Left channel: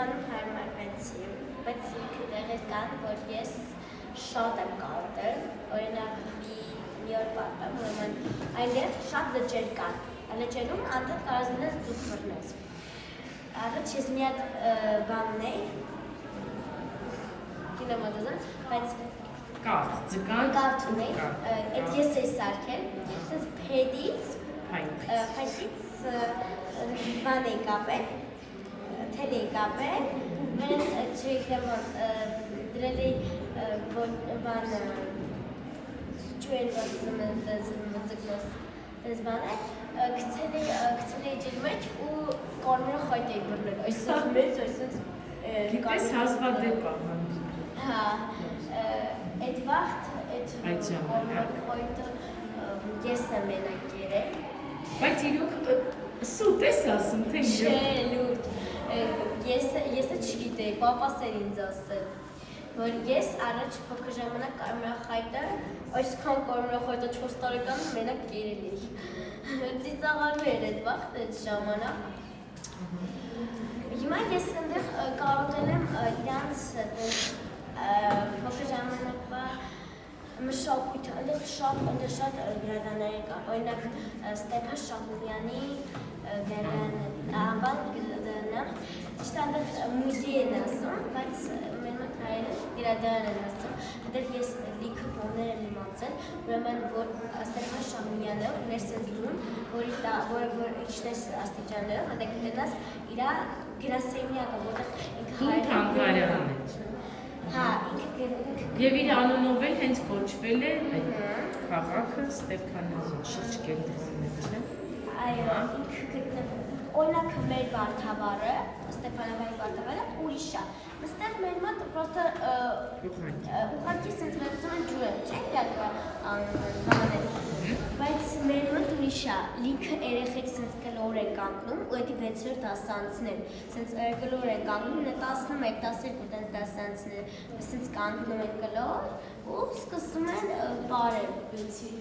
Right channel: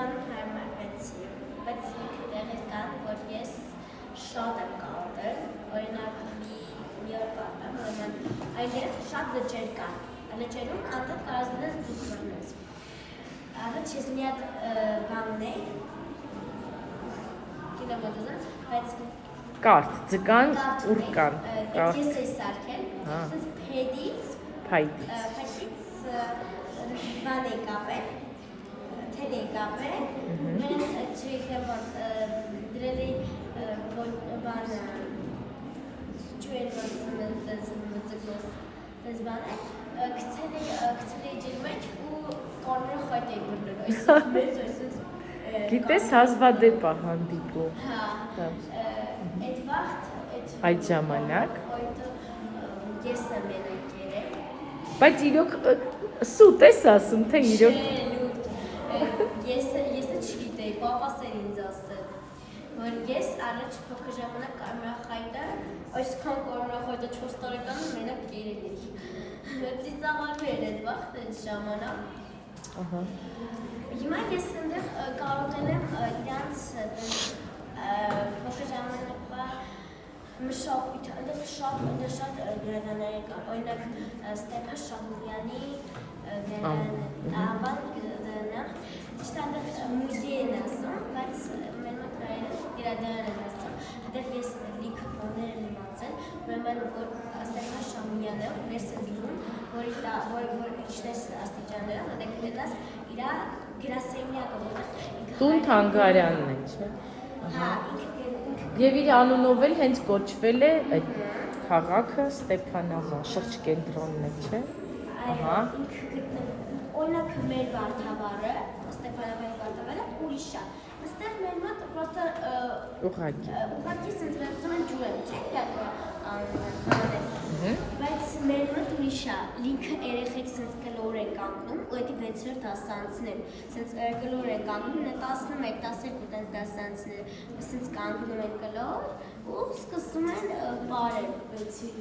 Երևանում հարմարվեցի, բայց դեղեր կան, որ ես շատ եմ կարոտել, օրինակ մի օր պատմեմ, ուրեմն այնտեղ շատ լճեր կան, լճերում անդադ կարաս գնաս ձուկ բռնես։ Առաջ ես մի հատ բան ունեի, կինոմատոզան, բայց Կարդ, ձգան ու կան։ Այդ ես էի սարքել, այսպես փայտից բան էի կապել, թել էի կապել, մեն չեքեվան դրել էի բան չուեն դες բան է, գցել էի ջիլ մեջ ու կարմրը խայտ էի բռնել, այսպես մեծ, այսպես Գիտես հազվադեպ է հանդիպում։ Հա, այդ վաղտ, այդ ժամանակ ես եմ մենակ երել։ Բայց իրոք սուտ ես ասում, թե իրոք։ Չէ, լուրջ, ես չգիտեի, պապաս էր ինձ ասել, որ ես առաջ փոքր ժամանակ կարմրախայտը, այսքան կարմրախայտը 4 տարեկանում մենակ երել էի։ Ծիծաղալու էր այդ վաղտ, այդ ժամանակ։ Հիմա ես այնտեղ կարոտել եմ իրանց փոքր ժամանակվա մշակույթը, այնտեղ շատ գրադարաններ կան, օրինակ Ստեփան Շահուրյանի գրադարանը, ճիշտ այնտեղ մուզեյ են ասում, բայց մեր մոտ հայերը գրադարան են ասում, այնտեղ ես լիքը բաներ եմ իմացել, ուրեմն որ Ստեփան Շահուրյանը մեր սենսում, որ իջնես աստիճաններով, այնտեղ գտնես իր գրասենյակը, որտեղ Տուն Թանգարանին, չէ՞։ Հա, ինքը Եվ իր անունով էլ հենց կոչվել է այդ քաղաքը Ստեփանավան, շրջկենտրոնն է, չէ՞։ Այո, ինքը գտնվում։ Օրինակ մեր Վարդավառը, Ստեփանավանի Վարդավառը ուրիշ է։ Այստեղ մեր մոտ պրոստը ուղղակի սենց վերցնում են ջուրը, չէ՞, բանը։ Բայց մեր մոտ ուրիշ է, լիքը երեխեք սենց կլոր են կանգնում, ու էդի 6-րդ դասանցներ, սենց կլոր են կանգնում, 11, 12 տենց դասանցներ, սենց կանգնում են կլոր ու սկսում են բարել։